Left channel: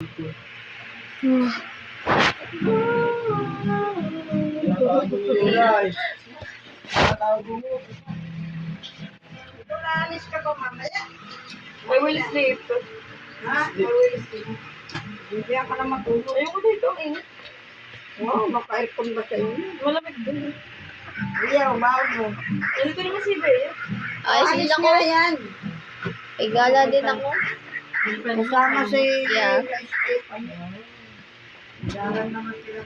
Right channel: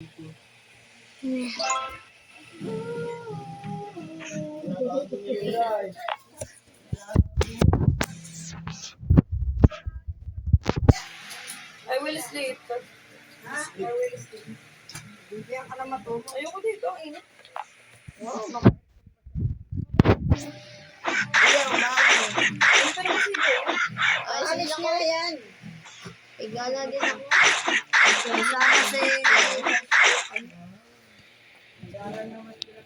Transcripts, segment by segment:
I will sleep. I will sleep. Hindi ka na matulog. Ayoko dito, ang init. Wow, naka-aircon ba sa inyo? Wala pa din. Ayaw, mago. Dito naman si Bea. Ay, Alis sila ko. nga yan. Igala din ako. Kasama si... Daran naman sila.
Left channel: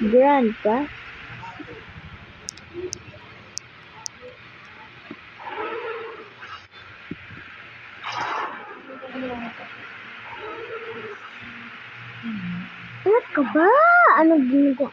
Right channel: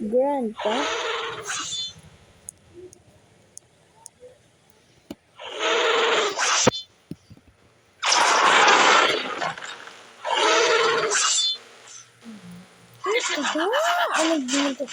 Grand pa? Ano ka ba? Ano dito?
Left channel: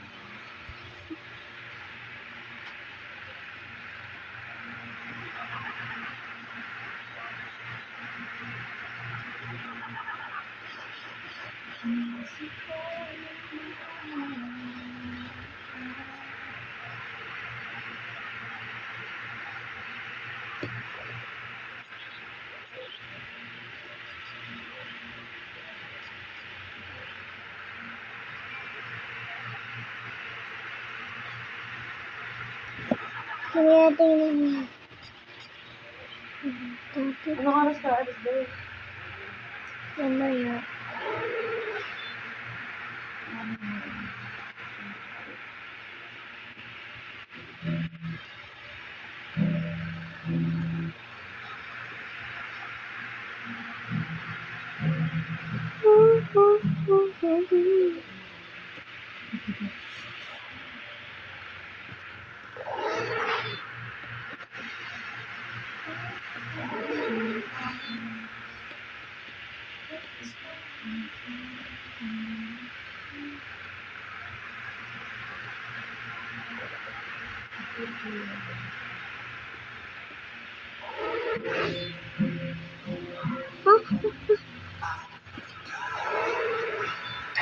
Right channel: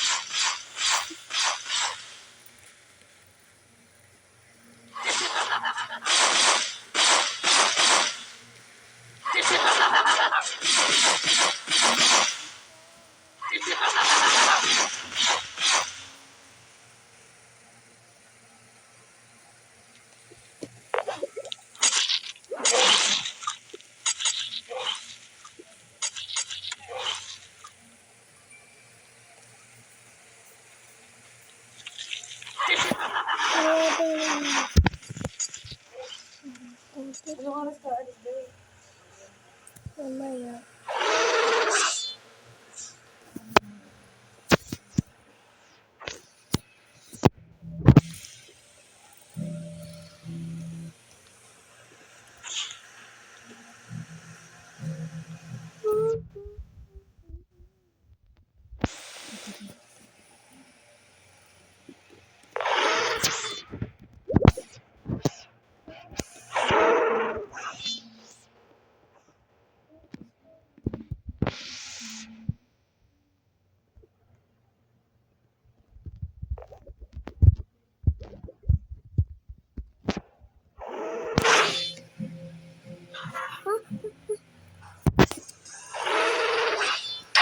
Ano oras ka? Alis Bea. Mamaya.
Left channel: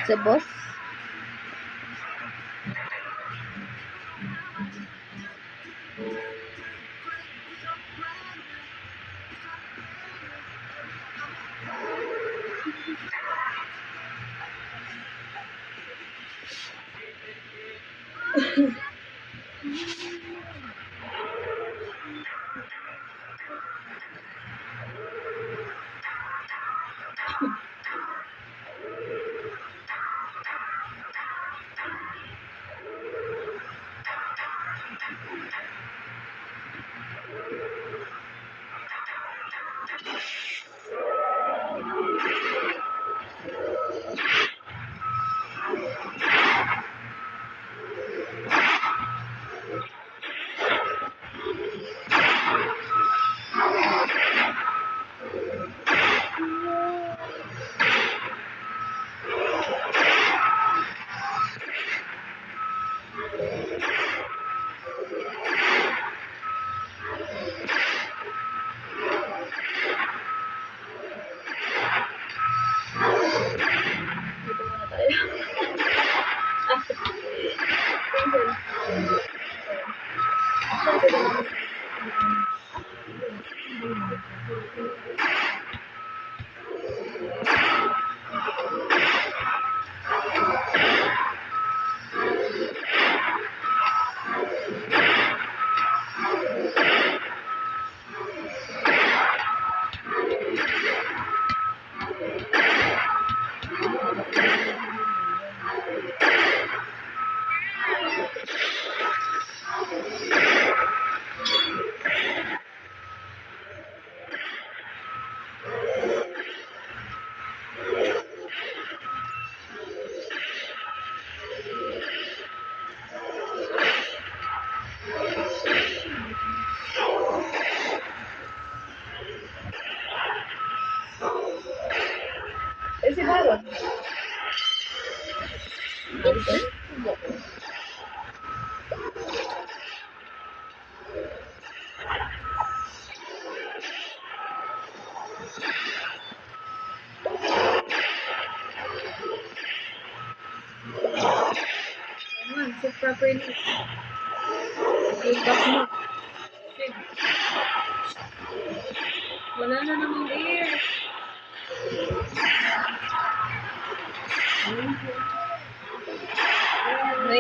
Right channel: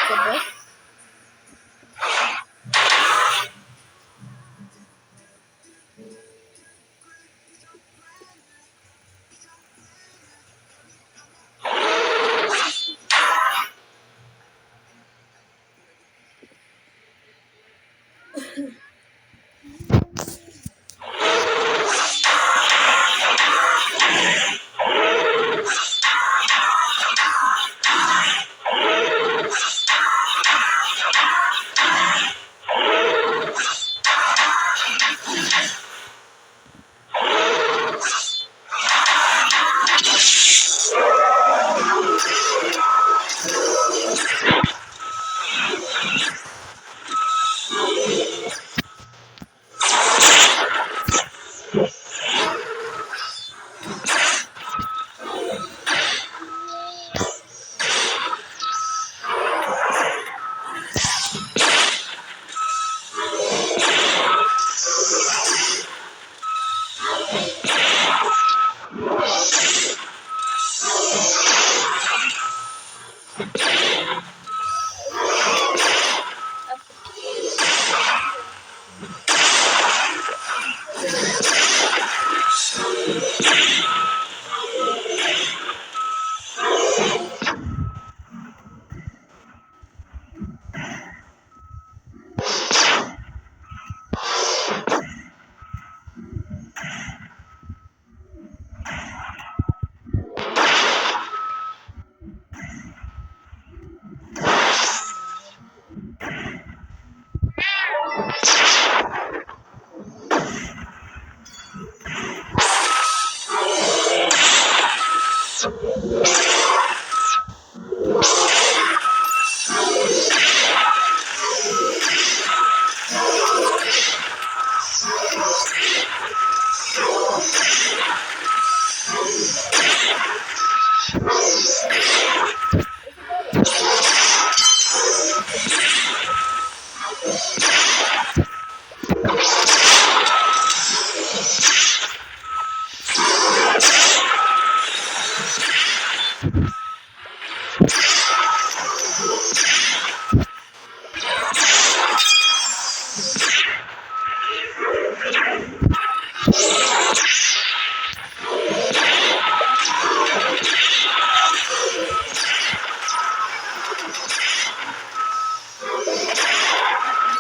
Sabot?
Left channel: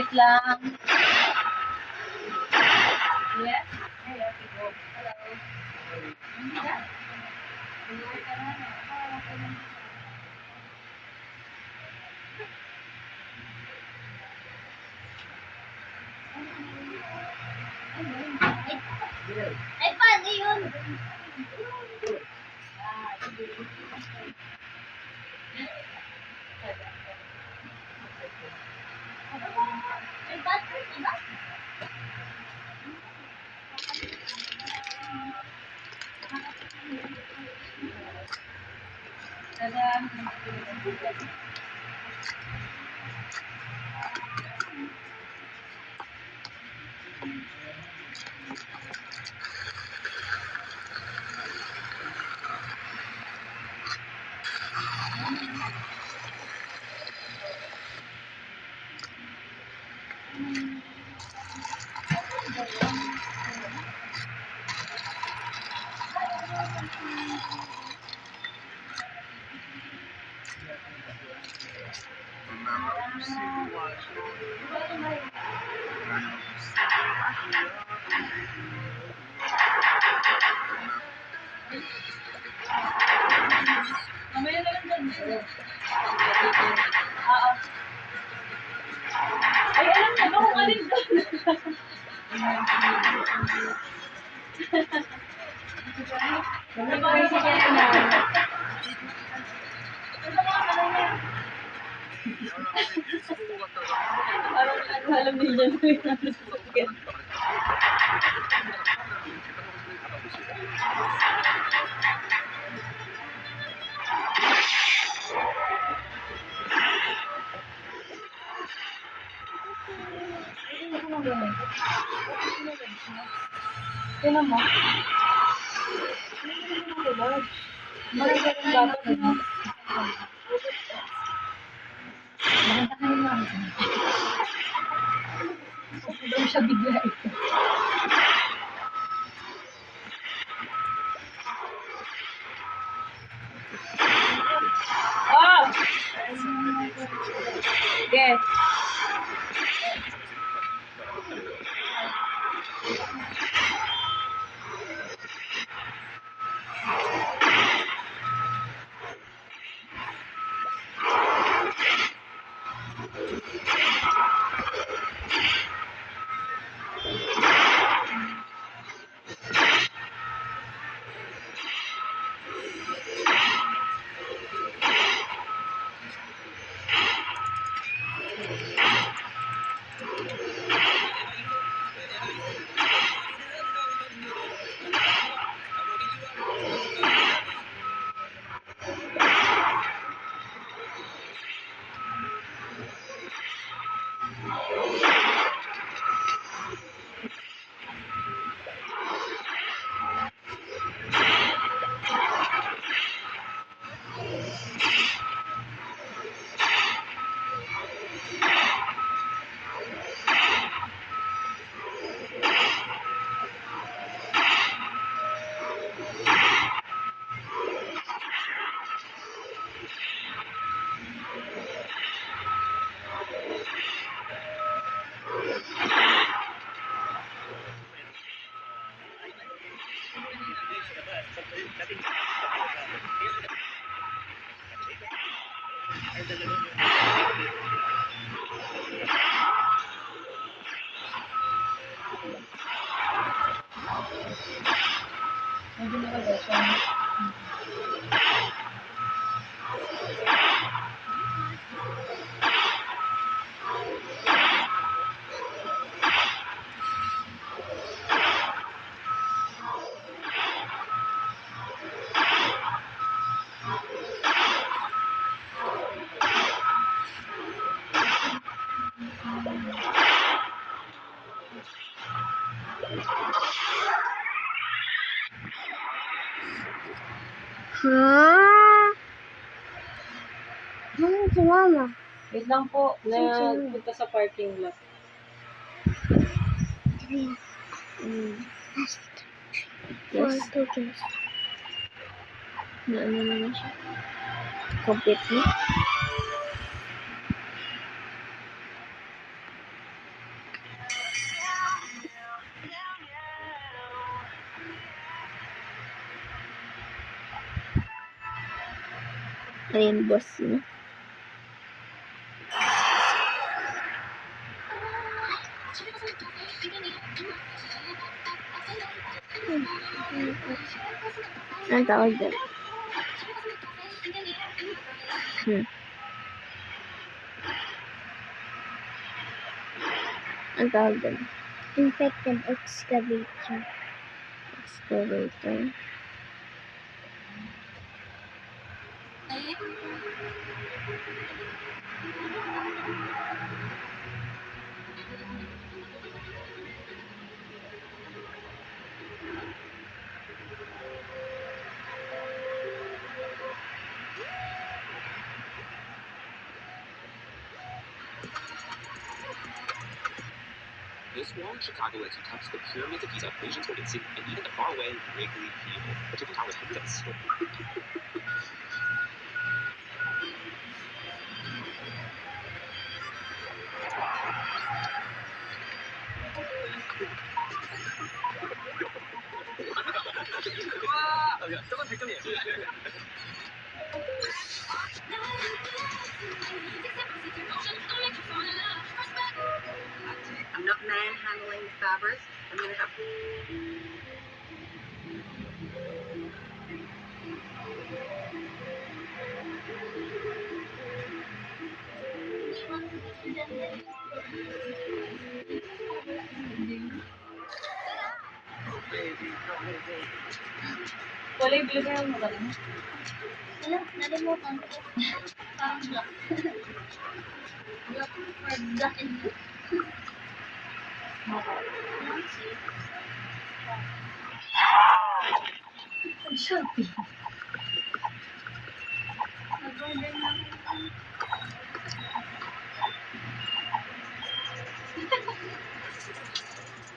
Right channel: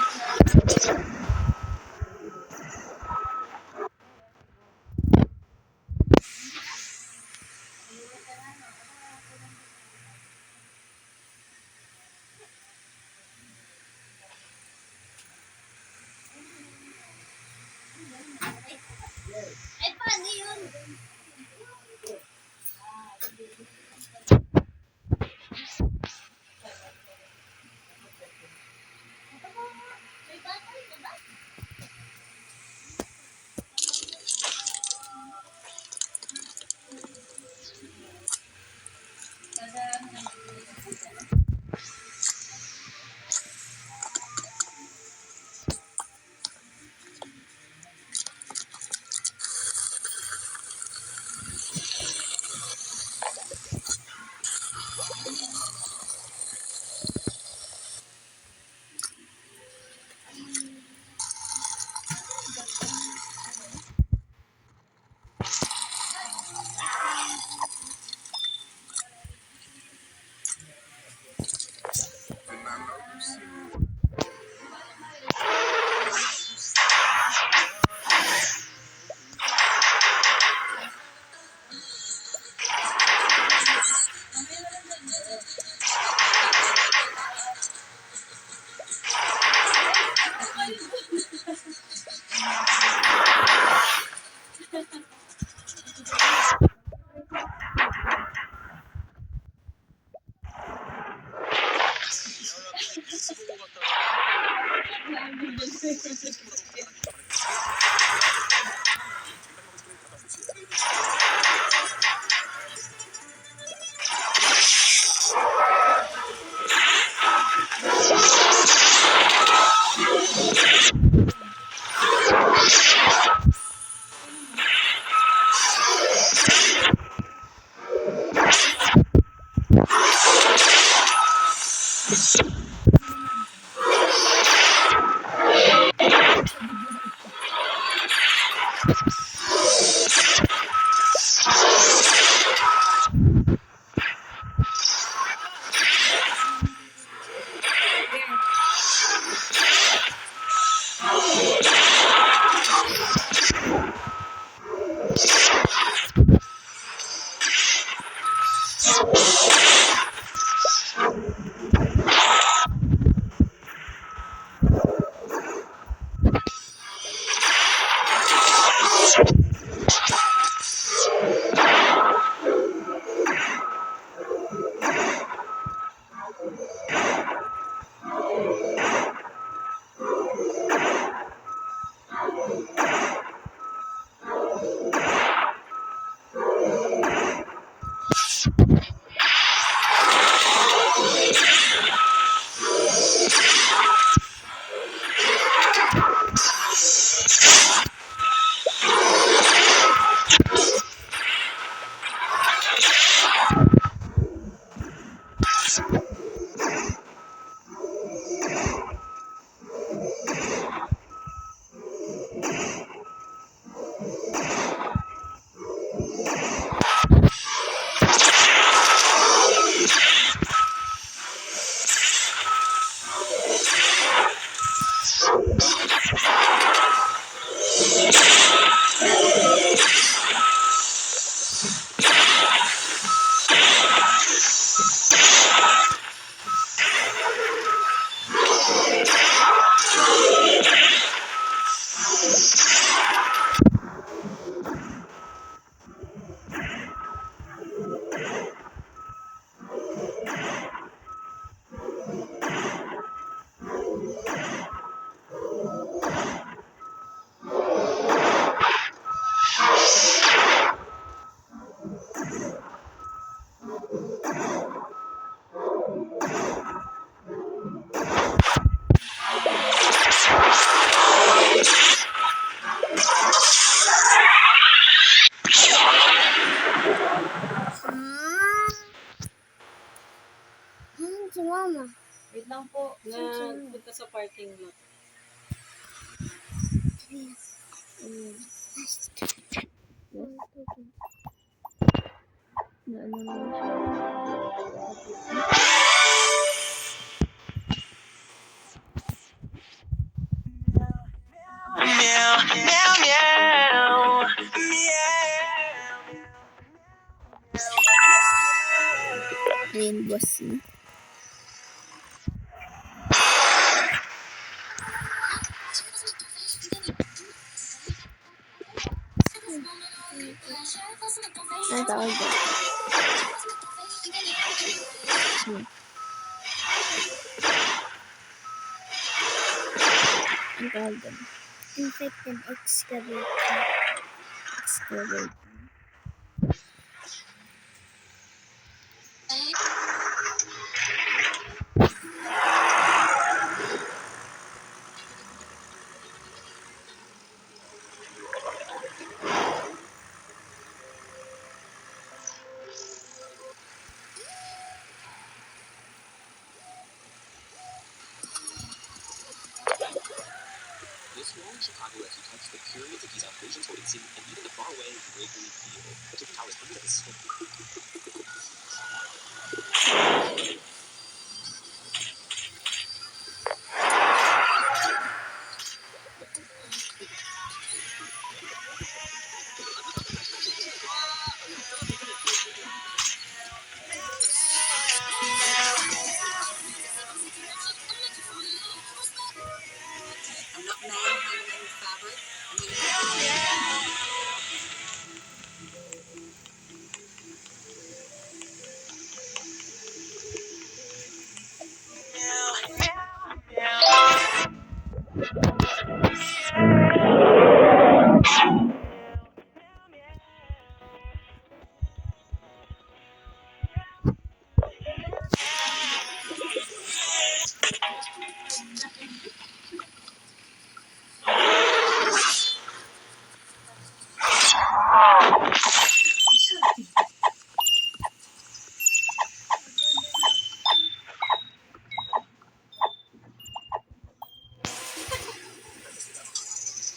Wait lang. Yeah. Ay, paano yun? Ay, ba't ito ba? Alam niyo dyan. Sino mo? Siya bigla ito. Oh! Yes. Si Mama. Wait lang po. Punta sa parking lot. Yes. Na ano naman siya. Complete na. boss niya. Ang tawag doon? Ang tawag doon? Infected excavator. Excavator. This wall in Chicago lets you touch the pyramids of Giza, ancient Oriental, and even the faraway Gregory View, which is the towers hundreds. Anak na yung hanging fabric. Kulay blue na yung maganda. Alam, nalimutan ko. Black and blue.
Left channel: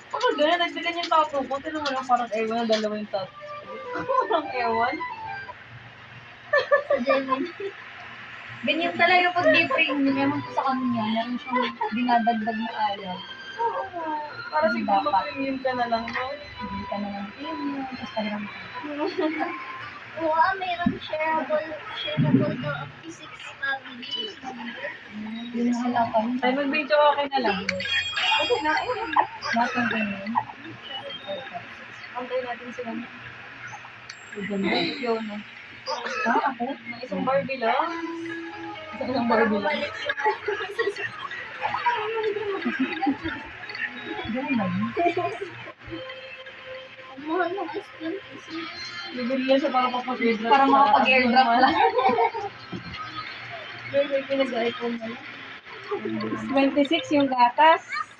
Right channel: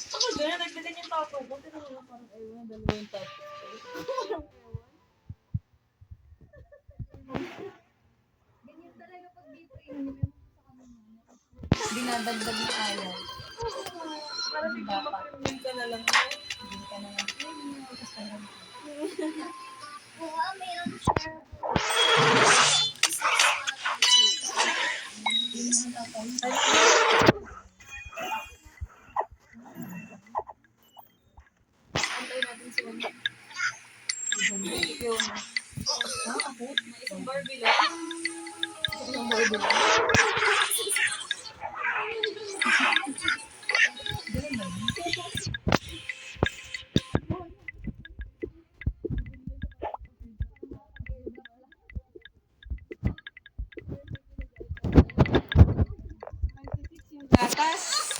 Oh, gano'n, nagdagan yung tattoo ko. Tinan mo lang parang ewan na dalawang tattoo. Parang ewan. Sa Devin. Ganyan talaga pag di premium, ewan ko sa kanya, meron siyang dinadagdag na ayaw. Para siguro ma-premium ka na lang, no? Hindi ka na ng premium, tapos talagang Oo, mayroon shareable. yung halapan. Ay, nandito ako na lang. Okay na, lahat ng ganyan. Antay natin sila. Ganda. Yun. Ako? May isang Barbie lang. Isang Barbie lang. Ganun ba yun? Ang mahal ng ice-cream. Bibili yan siya para papag-airdrop. Para makapag-airdrop lang. Pero may pinag-iPhone na lang. 26 yung gatas.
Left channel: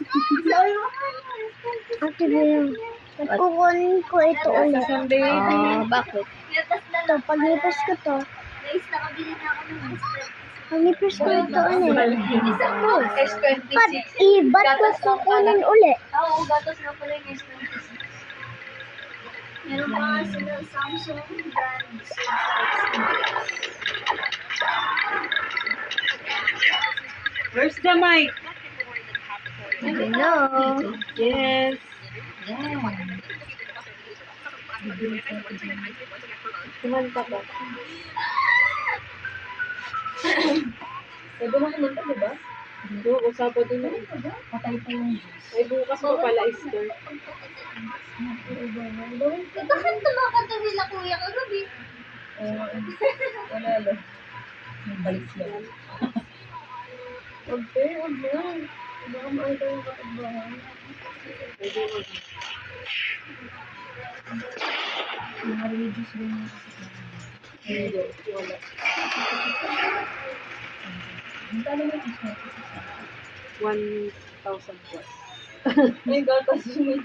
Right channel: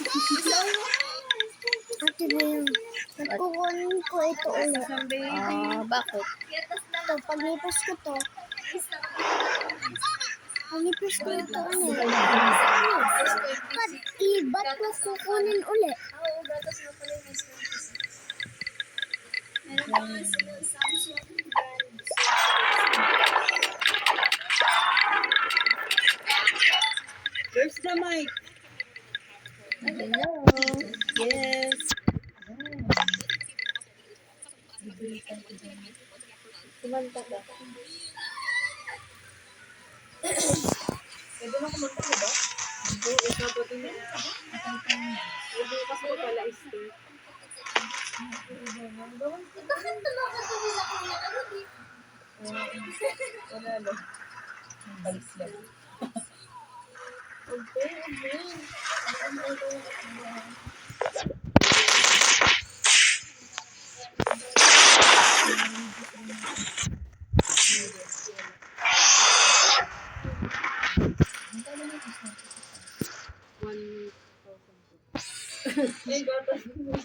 Ate Bea, kukunin ko ito ulit. Gatas ng baby. Bakit? Letas na lang. Paglipas ko to. Guys, nakabili na ako ng paglipas ko ito ulit. Ba't ba't ko kukunin ulit? Oo, gatas na pala yung S26. Meron pa nga sila Samsung brand. Where's the mic? Hello. Yes. Kumanta ka. Pwede na kumanta, diba? Oo, usapa din na ito. Patay pa yung Ay, bukas mo pala Easter. Bakit tumakatabi na kuya kagabi? Wala lang. may balik yan. Okay, okay. Ano ang ito yung katambahan? Hindi, wala. Ang talo na yung S26. 1,000 plus. Ay, gatas yun.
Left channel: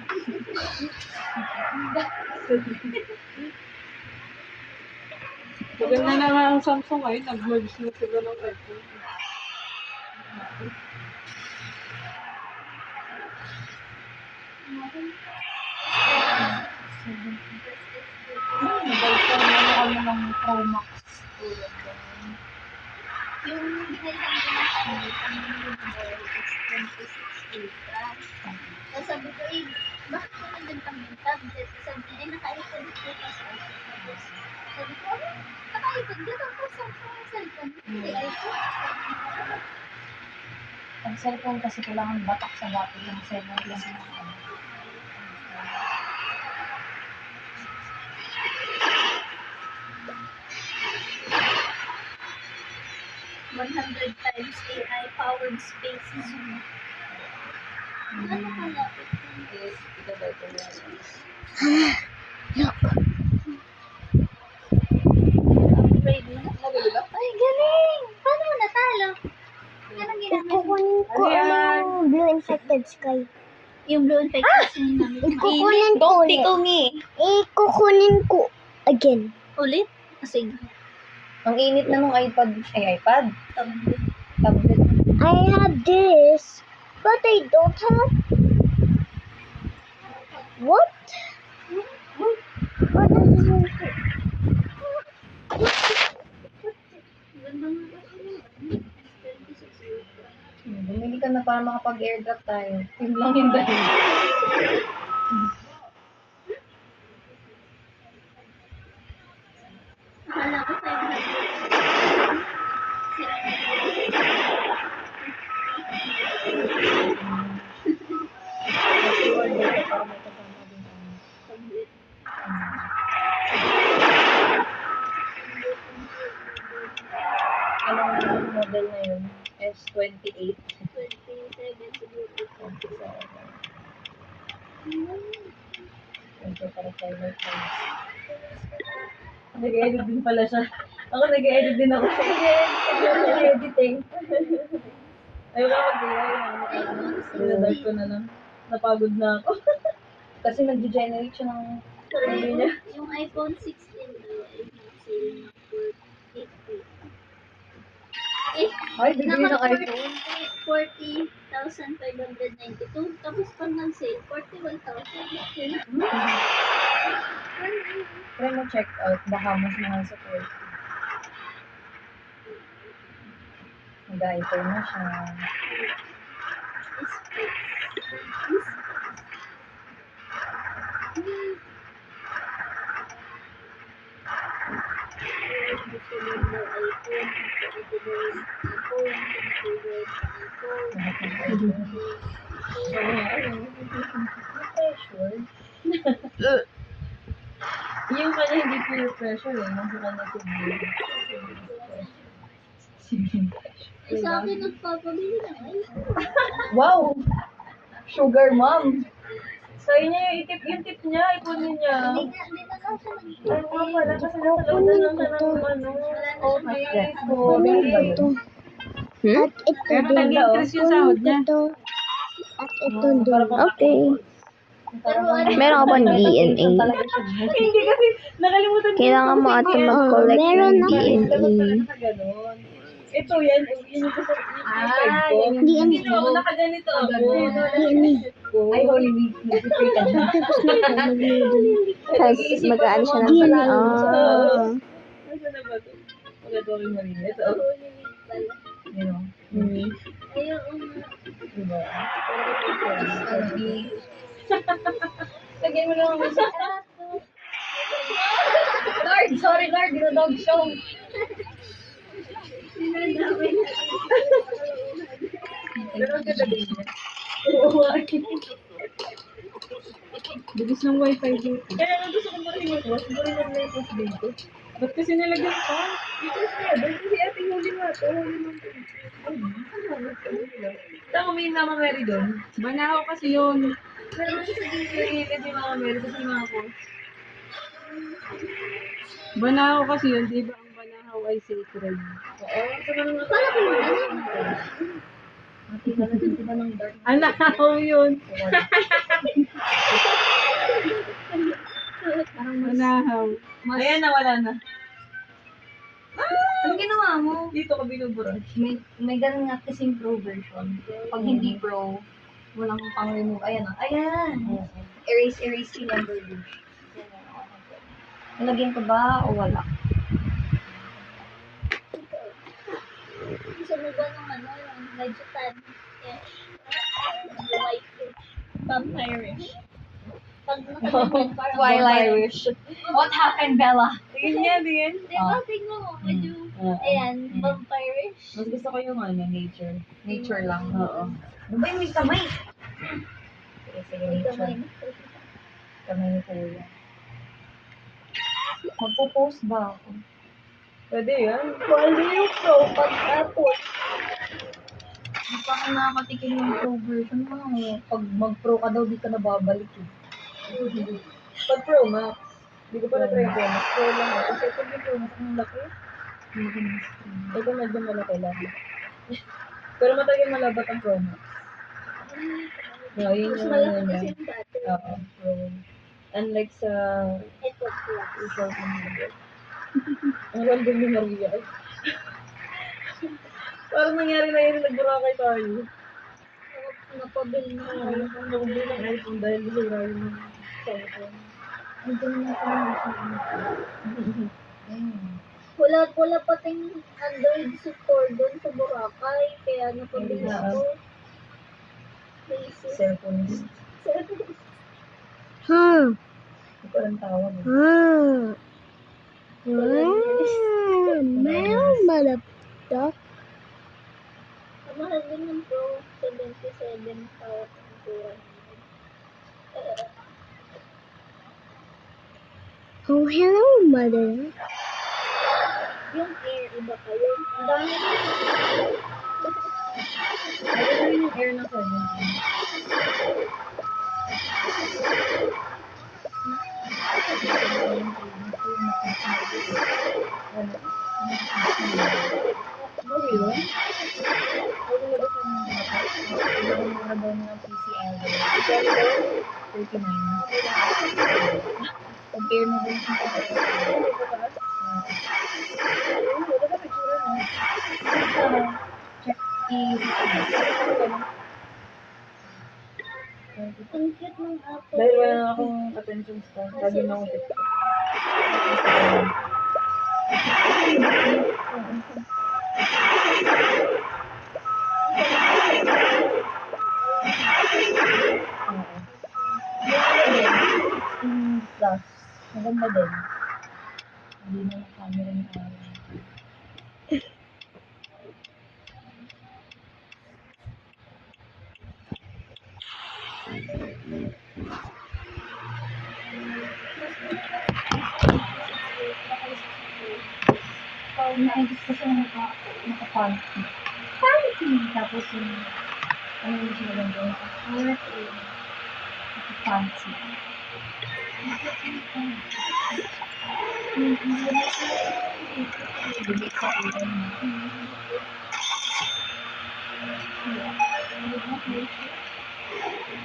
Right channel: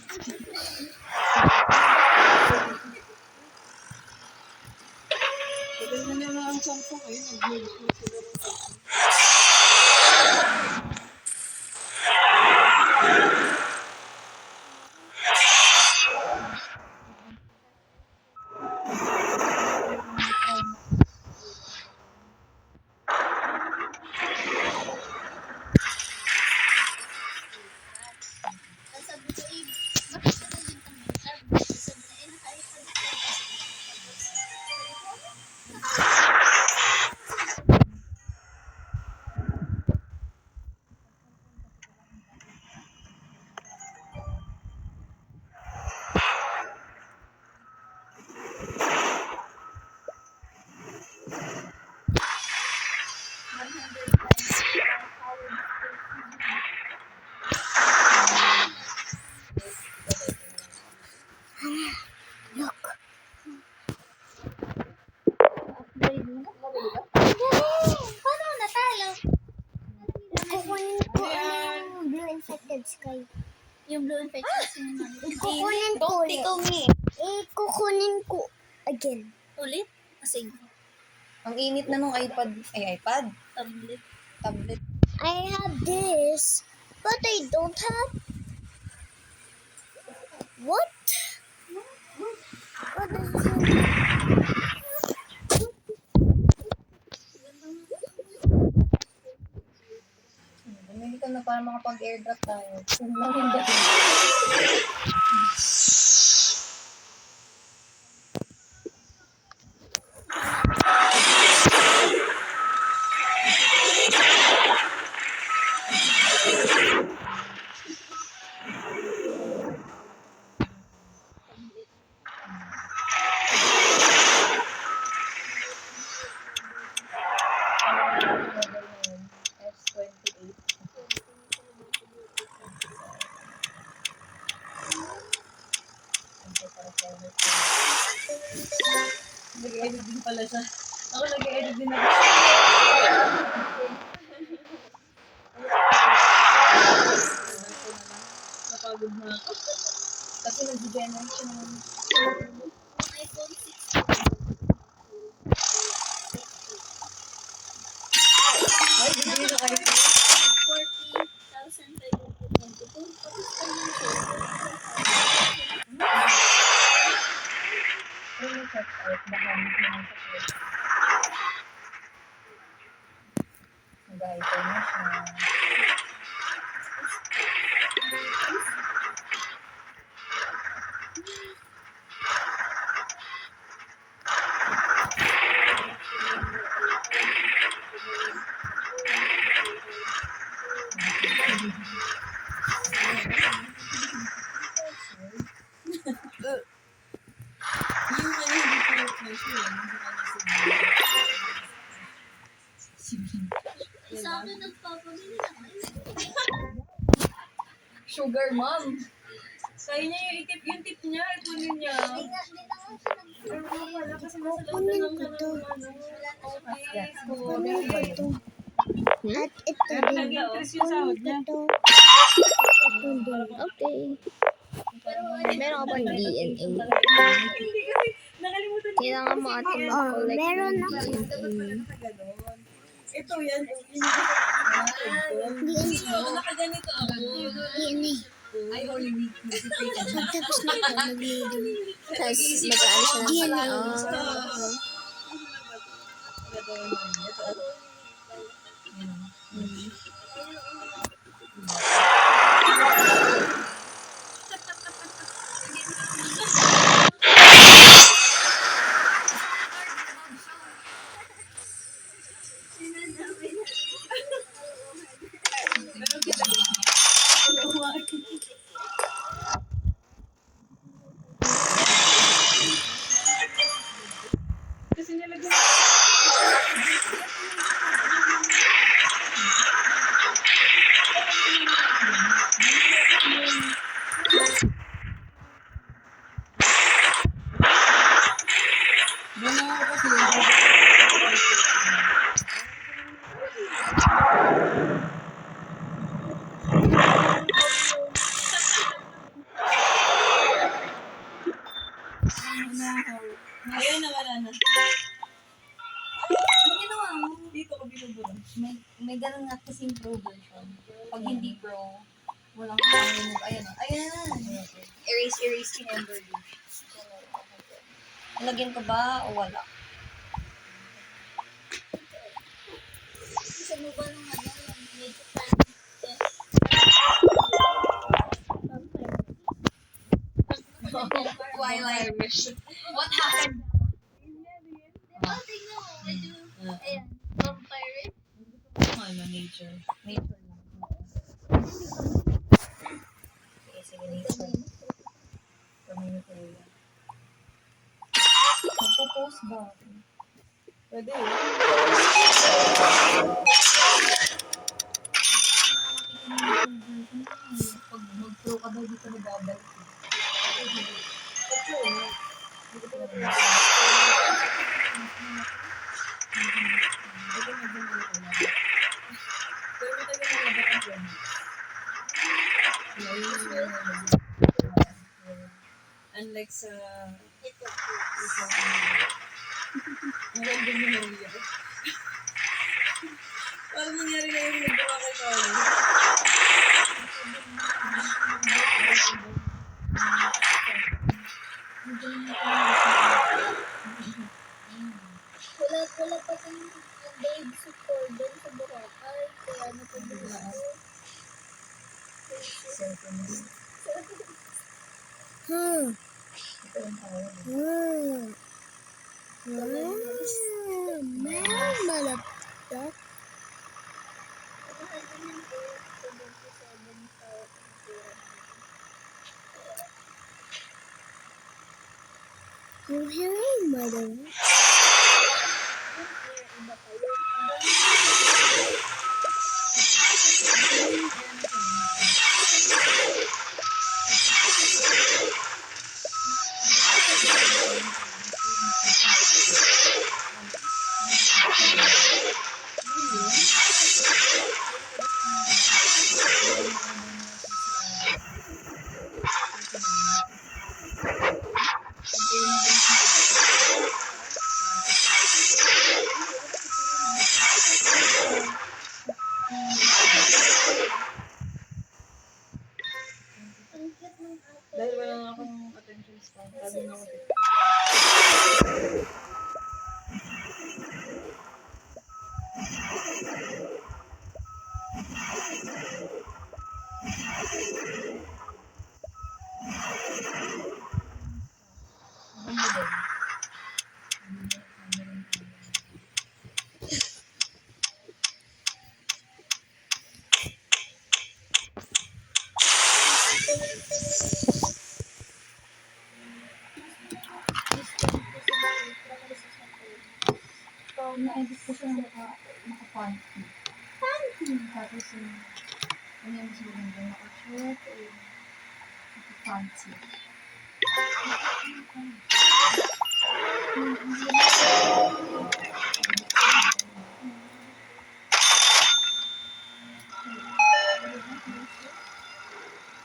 Maganda na nga ang Samsung ay nag-merge na sila ng iPhone. Mobile phone na kami ng Pro Max. Sabi ko, bakit ko nagdagdag ng tablet? Sabi, naka-iPhone ko. Sabi ko, Ang cellphone kasi kailangan batak sa battery ng 7 lang. High-powered spaces. Paano mo natalo? Anong ginagawa? Kukunin ko ang blue infected sky. Yung blue infected sky namin. Kukunin ko ulit. Kukunin ko again. Ulit? Kasi Ang init na nung iPad. Tablet. I have this, but I don't have. What? What is it? Bumili ka na para makapag-airdrop tayo. Yun lang yung dahil. Anong model na yun? S28. Nag-edit din pala siya. Ako nag-edit din ako. Editing. Ayoko na. Sinadal ko na lang. Napagod na ako. Kasi nag-generate siya ng Sabi niya. Yung iPhone 16. Ay, bigyan ng iPhone. 40,592. Tapos pa na siya. 41,000. try mo check out. Baka mas mahal sa choice. Nag-iPhone na siya. Yung kanya hindi peer pressure eh. Nasa kanya sige. Sa akin, nagpapabili ng iPhone. Wow! Sugar mom! Sa inyo yung tip niya, ipunin niya. Hindi na lang siya Ay, nga pala, kasi nasa loob na lang siya ng ano. Okay, Ito. At ito Kaya din. nag-increase yung sahod niya. Ito. Ito din. Okay. Meron ka bang DNA? Hindi kasi, nakalimutan ko. Kailangan mo ata mag-collect meron ng ako. DNA. Ganon. Ito yan, yun yung gusto ko. DNA. Kasi no, nakaganito ako. DNA. Ay, Holy Week. Nag-pray ka na. Tapos na ako nag-DNA. Tapos mag-ano siya ng DNA. Ah. Ano na ba ito? Wala gawin mo rin. Ito. Yun o. Diba? Lagyan mo lang. Guard! Sorry, guard. Dog show. Pero ang ganda din niya. Oo, bilis ng wifi mo. Ba't kasi nilagyan ka? Kasi ate yung ginagawa. Tama mo yung Mama Mary doon. Banaw kasi yun. Nagigilid yung Mama Mary kasi yung mga po. Banaw kasi yun. Ay, subscribe. Oo, ito na lang anak ko yun. Manahaw. Ayan na, wala na. Ano ginawa mo? Dito ka binubura. May ganun nga kasing pro version. Pag hindi pro, walang pang-remove. Ayan o. Ayan. Erase number bush. Nalagyan ko ba o wala? Gusto mo ba ng ano, yung medyo sad? Vampirish. Pag nakaganon, parang Twilight. What happened, Bella? Tingin niya, tingin. Di ba, tingnan mo, medyo, ayan, vampirish. Mas gusto ko yung nature. Nature lang. Oo. Ay, may kamay. Sige, nature. Kamay ni Kuya. Magpo-post ba ako? Pwede yan. Hindi pa ako nakakatikin ng pro version na lang eh. Pag mag-pro ka daw, di ka nababalik eh. Pag Pro Max. Hindi ko pa na-try Pro Max. Pro lang ako. Kasi pag yung Pro Max, ang laki. Ito medyo malaki lang. Pero matagal malabat ang Pro Max. Yeah, yun yung ano niya. Oo. Pro. Unlike sa... Ito plus. Ikaw ko na. Ang random ni Maria. Parang nangyari na yung nagbura kay Kali. Napabil na. Dahil bura yung cellphone. Wala pating Android support doon sa Boracay. Kaya napabil ako. Cellphone. Ito parang tawag. Meron na laptop. Mahal din yan po. 77 pa. Oh, hello, mother. Yung air, iba pa yun. Ang dami na. Ano yung air na to? Compare mo din sa Ang cute ng apple. Dahil wala na akong attention span, lagi na akong TikTok. plus. Maganda din. Hindi na yung camera ng araw. Pag na-edit ko siya naka-panty. Panty! Tapos yung ano yung siya maganda, naka-panty. Naka-panty.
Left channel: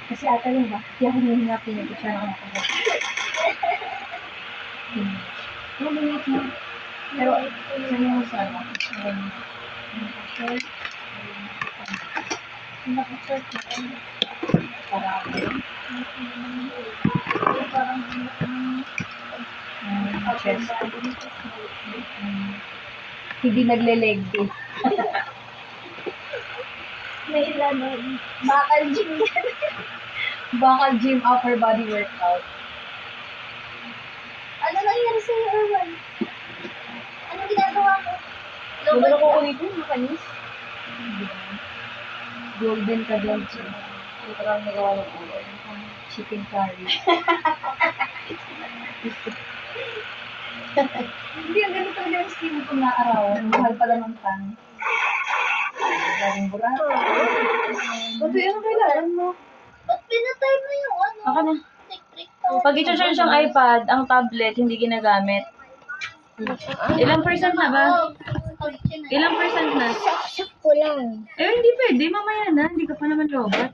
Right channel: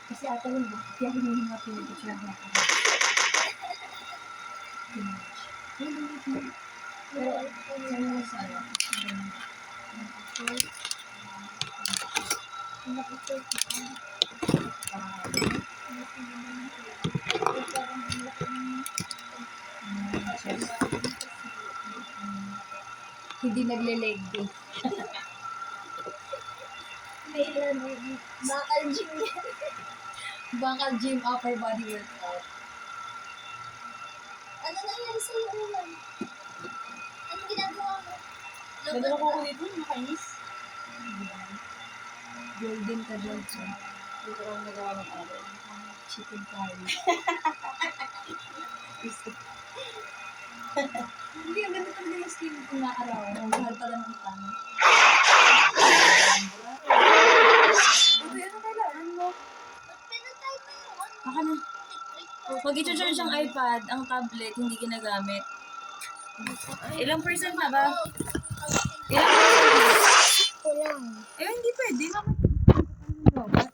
Kasi ata yun ba? Kaya ako nung hinapin niya, siya na nakakaba. Malimit na. Pero, sa mga sa ano, naka-short. Naka-short na ano. Parang, chest. Hindi nagle-leg day. May ilan bakal gym yan. Bakal gym upper body workout. Ano nangyari sa'yo, Erwan? Ano ginagawa mo? Magano ko ko dito, makanis. Golden ka doon siya. Ito parang nagawa ng chicken curry. Hindi, ang ganito talaga yung skin ko na araw. Ang mahal pala ng tan. Ang burato. Ba't yung kailangan mo? Ba't pinatay mo yung ano? Ako na. Electric pa. Pag i-charge siyang iPad, ang tablet, hindi ginagamit. Ilang percent na ba? Ilang percent na? Ko lang. Eh, hindi pwede. Mamaya na. Hindi ka pa naman robot.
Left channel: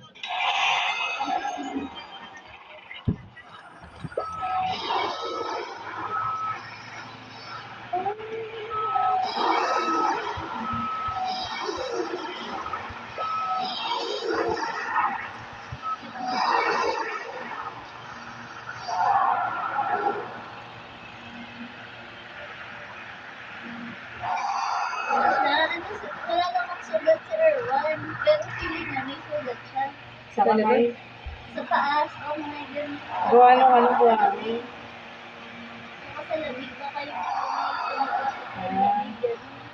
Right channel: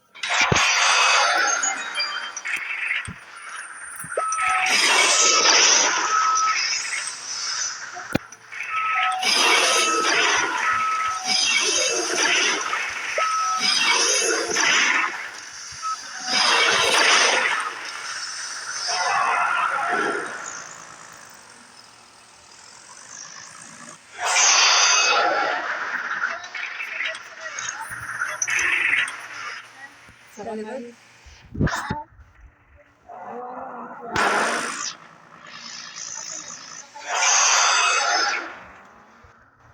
Wala namang sugat sa Erwan. Pero si Mami sugat siya. Sa kamay. Sa taas. Oh my God. Gawa ng ano po. Nakasalabig na kayo.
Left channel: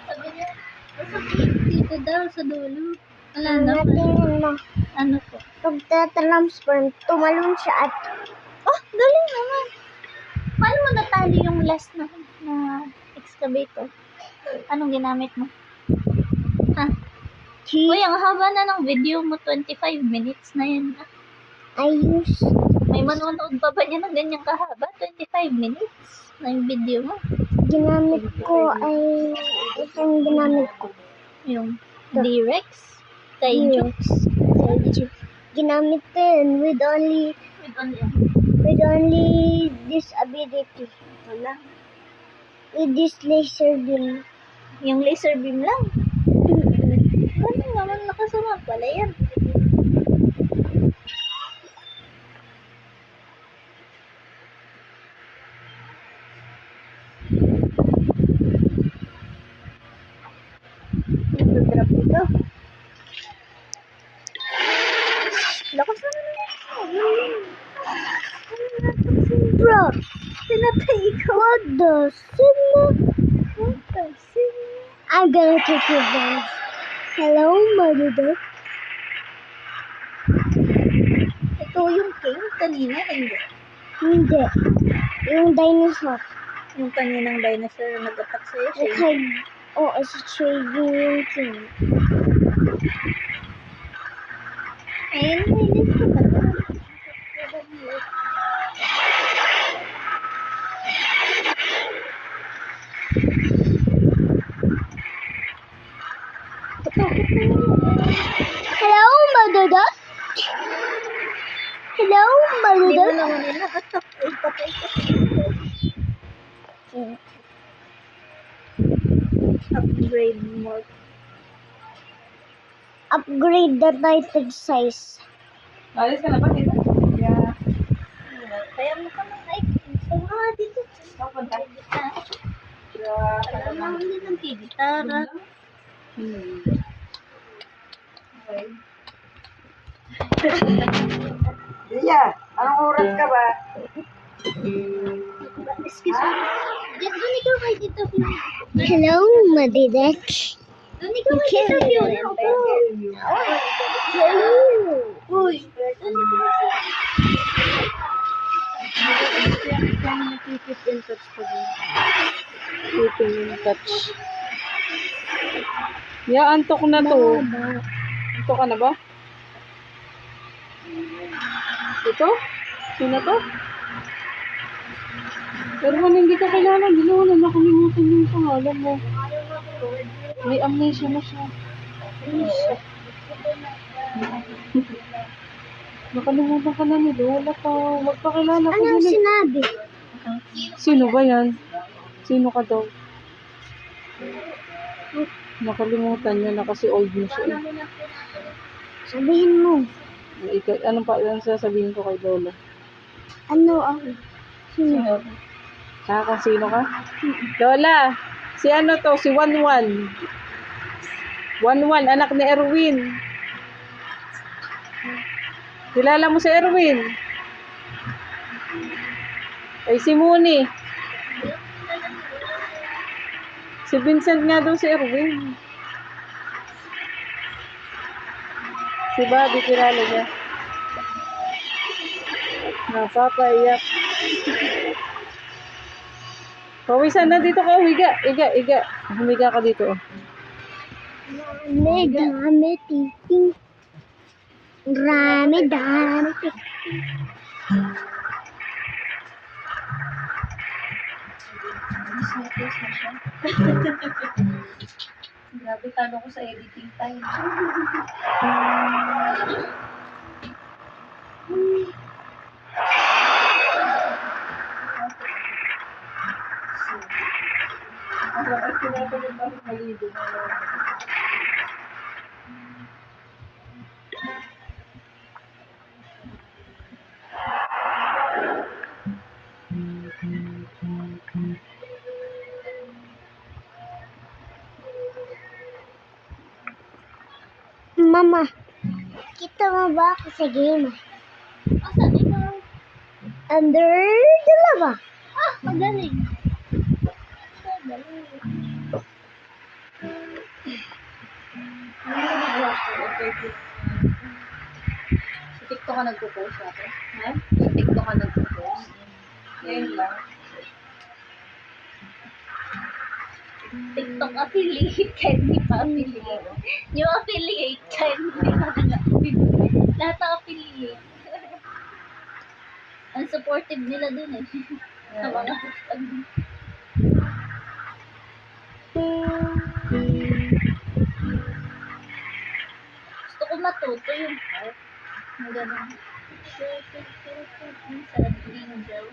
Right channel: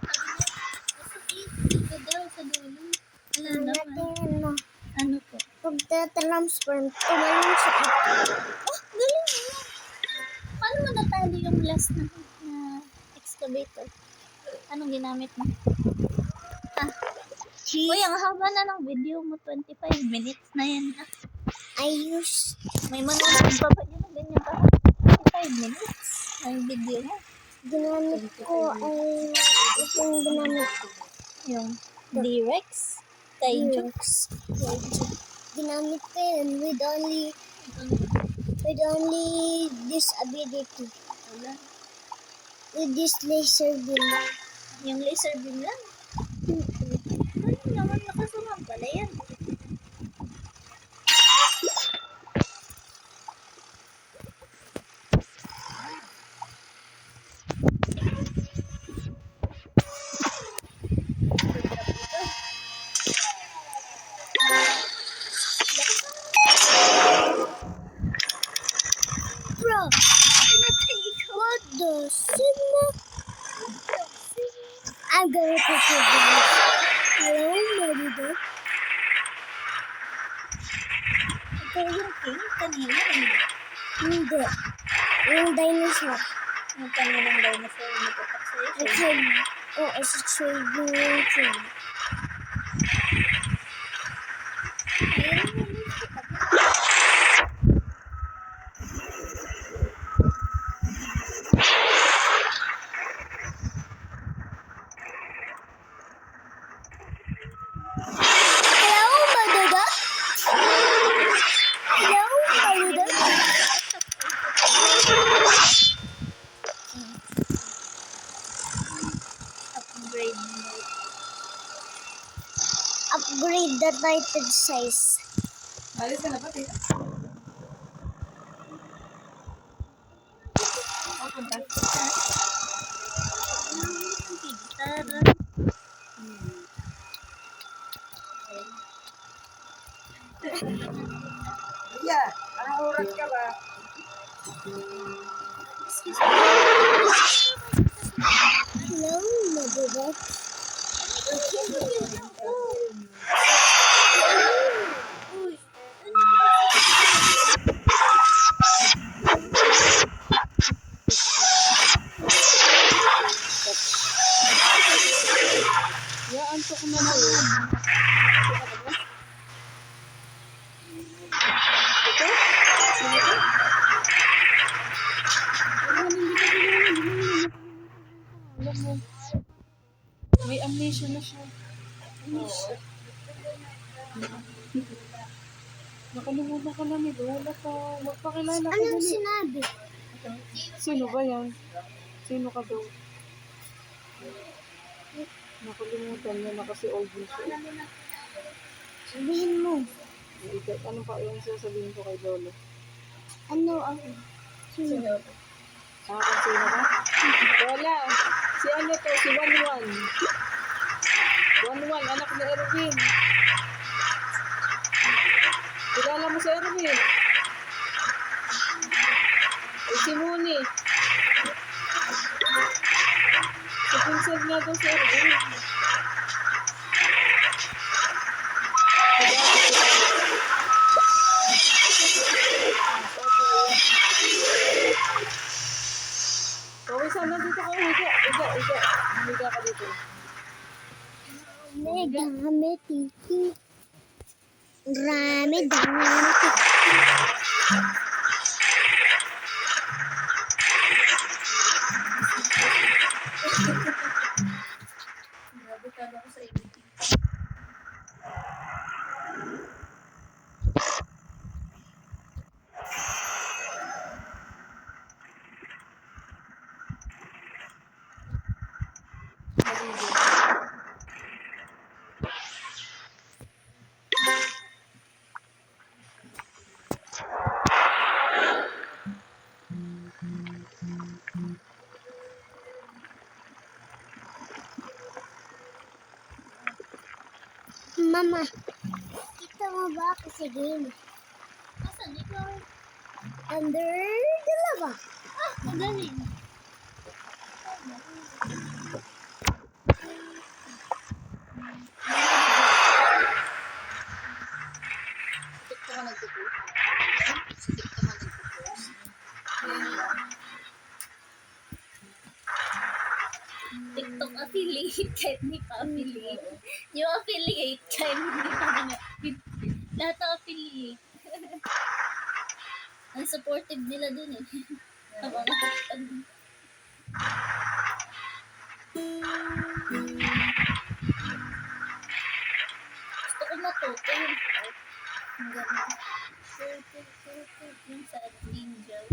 Sabi niya, masakit. Ito daw sa dulo. Wala na. Tingnan mo. Ano po? Pagtatransform, tumalon siya at... Oh, galing naman. Paano mo natali yung last na excavator? Anong ginamit mo? Uy, ang haba na ng video mo. 25 minutes na yan. Ayos. May manonood pa ba niya ng ganyang kahaba? 25 minutes na yung video mo. Ginamit ko ay... Isang ginamit ko. Yung D-Rex? Kaiju? Ginamit ko yun with only this ability. Wala. With this laser beam. Yung laser beam lang? Ano naman nakasama pala yan? Lakas naman. Bro, pinatay ko. What the sigma? I'm gonna take you back. Hello, mother. Ito yung king kanina, hindi? Hindi. Yung dinosaur. Yung kaninang dinosaur na nag-attack sa'yo? It's a trading yung king. Ayun, may ko ba? Hello, Maduda? Hello, Maduda? Upgrade mode. Upgrade the titan size. Alis ka na ba dito? Yeah. Kaya mo ka ng item. So, dito. Papunta. Mahuli ng gitara. Iya, anong oras ka ba? Excuse me. Hello, Madidek. Uy. Ya, antok na to. Antok ka na ba? Ito? Sino to? Pero man hindi ka kailangan. Hindi mo na nakalimutan yung pangalan mo. May amnesia na siya. Nakalimutan ka na ni Lola pa. Magpakilala ko Anong din. sinabi? Sino ba yan? Sino ka daw? Nakalimutan niya na kasi old na siya. Sabihin mo. Anong pa yung sasabihin ko kay Lola? Ano ako? Sino? Kung sino ka? Lola, si ano to? Si Wanwan. Wanwan, anak ni Erwin. Kilala mo si Erwin? Ay, si Muni. Si Vincent nga daw si Erwin. Diba, di kilala niya. Napapaiyak. Pawisan na dito ka, higa. Humiga ka dito. Dami, titi. Dami. Grabe, talo ko sa editing time. Mama, kita mo ba ako sa game? Asan ikaw? Under the lava. Magaling. ka nagpo-post ako? Yeah? Sa TikTok ka nagpo-post? Ngayon lang. TikTok affiliate ka, hindi pa affiliate. Yung affiliate ka, hindi pa lahat ang affiliate. Ang supportive nila dun eh. Ang mga hashtag. Gusto ko matuto yung art. Ang gano'n. Sarap angel.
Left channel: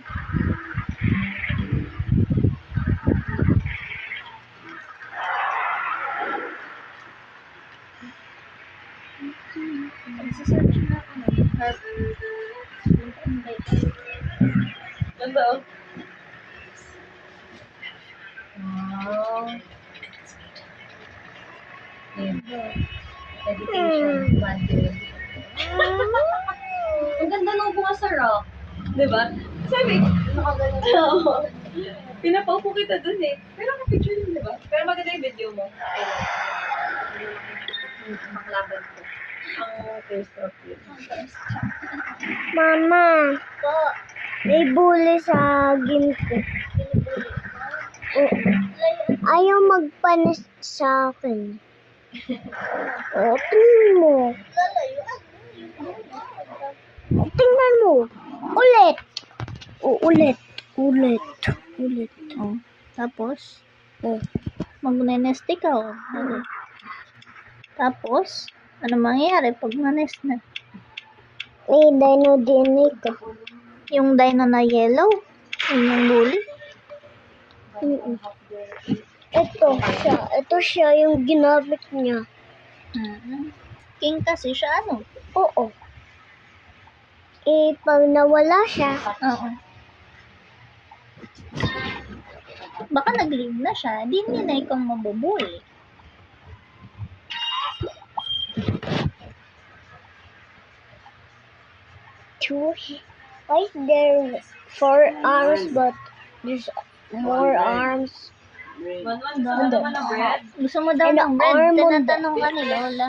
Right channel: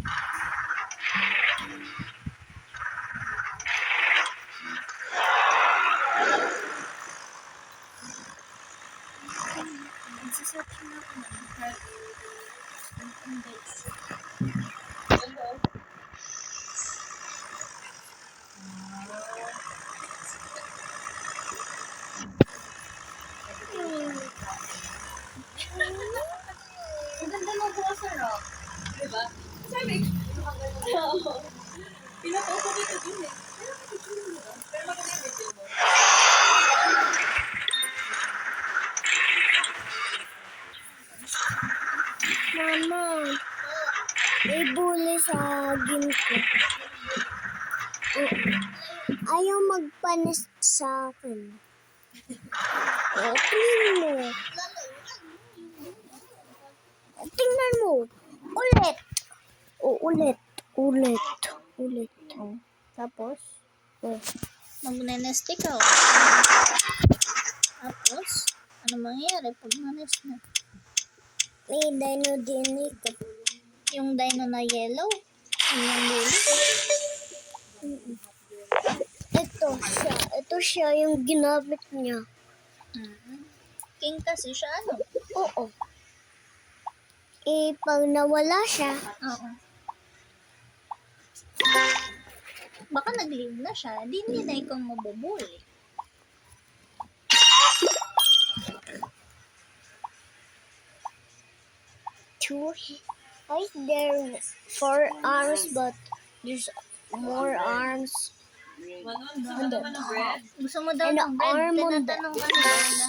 Nagsasearch na ako ng art. Ano ba? Meditation, bonding. Ang ganda nung bunga sa rock. Diba? Sabi, Nakagano. oo. Pinapaupo kita dun eh. Pero ka-picture yun, diba? Pero maganda yung video mo. Mama, may bully sa game ko. Ayaw magpanis sa akin. Tingnan mo. Tingnan mo. Ulit. Ulit. Oh. Tapos, magne-nest ikaw. Tapos, ano mangyayari pag na-nest na? May dino din ito. Yung dino na yellow? Yun yung bully? Ito siya yung ginamit niya. King kasi siya, ano? Oo. Pag nawala siya, Oo. Baka nag-leave na siya. Di niya na ikaw mabubuli. why is there 4 arms but there's more arms? Gusto mo naman ng bread? Gusto mo daw Ano, ng bread? arm mo ba? Tinatanong ka ni Lola.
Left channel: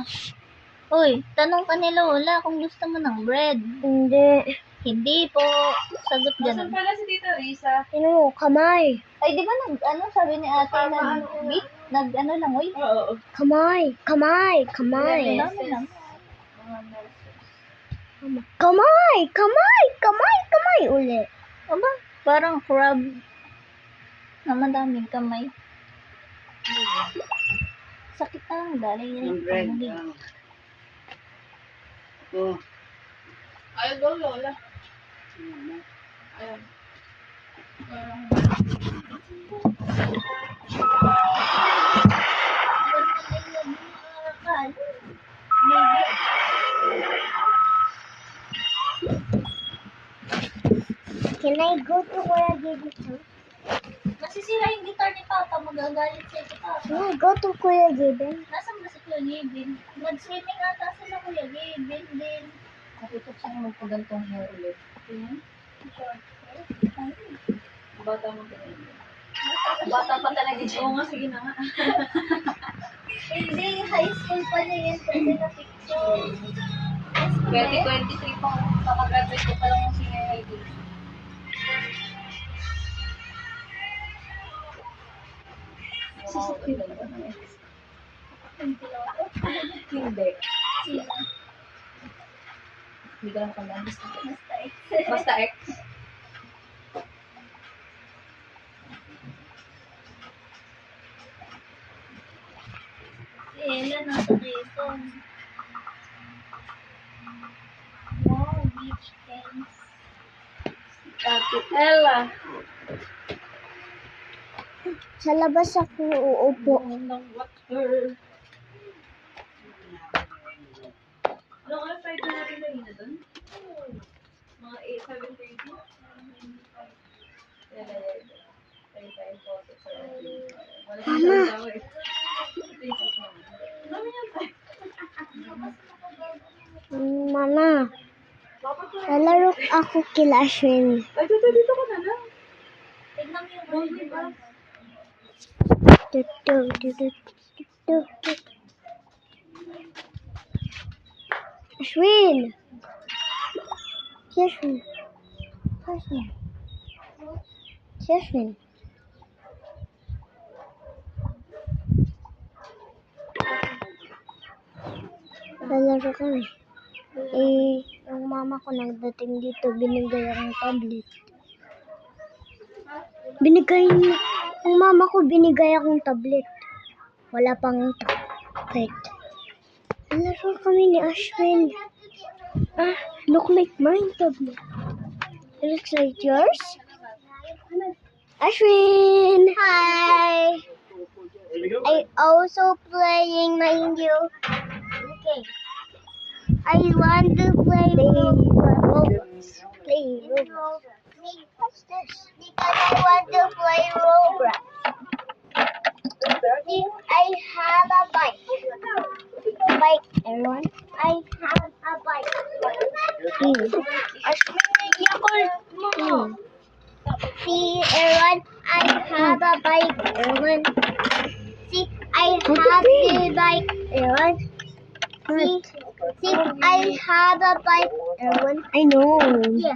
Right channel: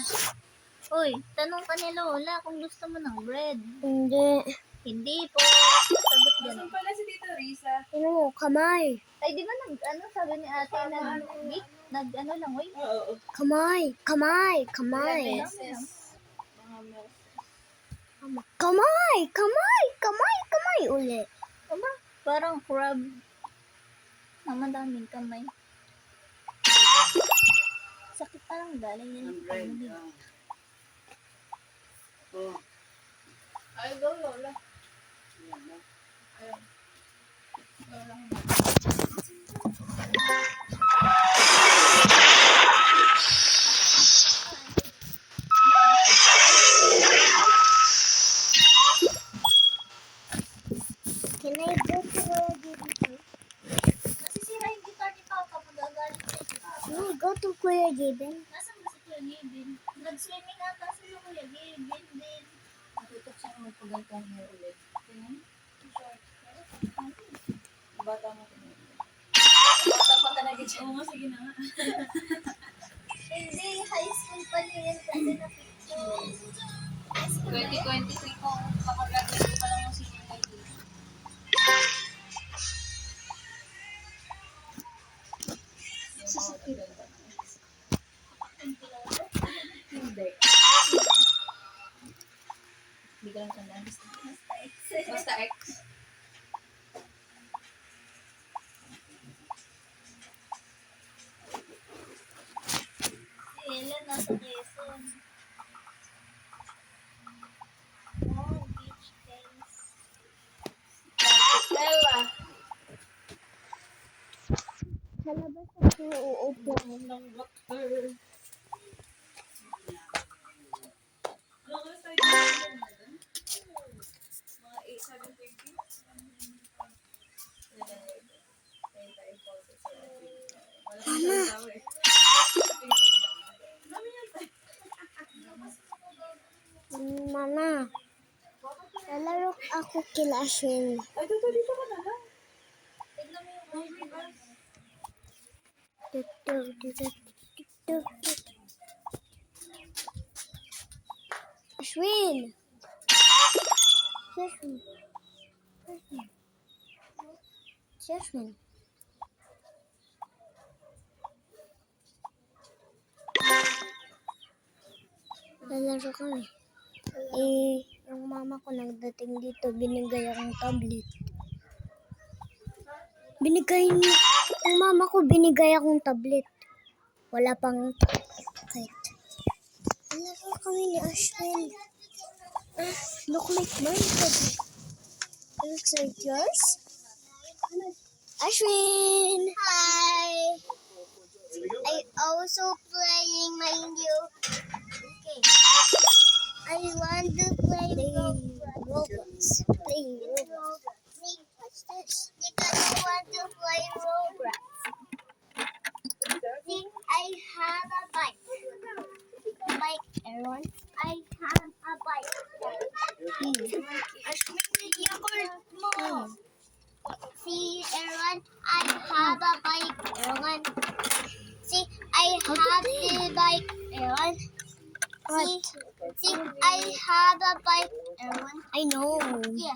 Uy, tanong ka ni Lola kung gusto mo ng bread. Hindi. Hindi po. Sagot Saan ganun. pala si Tita Risa? Kamay. Ay, di ba sabi ni ate nag-beat? Lang, uy. Oo. Kamay. Dami lang. Kamay ulit. Aba, parang crab. Na madaming kamay. Sakit na lang, galing yan. Yung bread. Ay, go, Lola. Ayan. Can I go to where I gave you? Masisira yung guitar ni Papa, magagalit siya ni Papa. Can I go to Kuya Given? Nasaan ba si Kuya Gavin? Nag-swimming ata sila Kuya Gavin din. Natutok siya na magpagantong hair ulit. Bata mo ganyan. Bata pa talaga dyan. Oo nga, sige na nga. Hindi, high school pa niya yun kasi na picture. 2023 pa, kakagraduate ko pa lang ng senior ID. Hindi. Hindi ka lang tandaan. Basta X. Si Ella nasa Quezon. Wow, beach games. Ate Ella. Sa labas ako uupo. Ng water. Anong oras tayo dito na doon? Mga 7:30? Mama, lalaro ako kila Ashin. Ay, dito ka na lang. Tignan mo yung birthday bus. Ashwin! Jasmine. Jasmine. Jasmine. Lalaro kami. Yung mama ko nagdating dito, binigay akong tablet. Yung mama ko binigay akong tablet. Wala pang wait. Lalaro kami ni Ashwin. Look like mine tablet. It looks like yours. Ashwin! Hi! I also playing my new game. I want to play Roblox. Play Roblox. What's this? Because I want to play Roblox. I have a bike. Everyone. I have a bike. See, everyone, I have a bike. Everyone. See, I have a bike. Everyone. See, I have a bike. Everyone. I know. Yeah.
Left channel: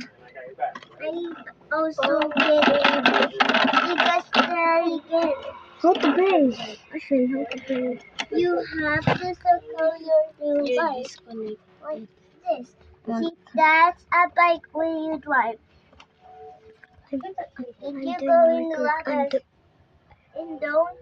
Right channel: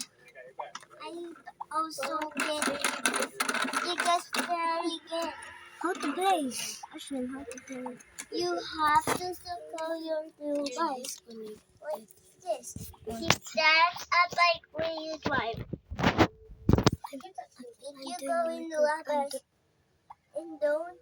I also get it. Because very good. How to play? Ashwin, how to play? You have to circle your new bike. What's this? See, that's a bike when you drive. If you go in the water and don't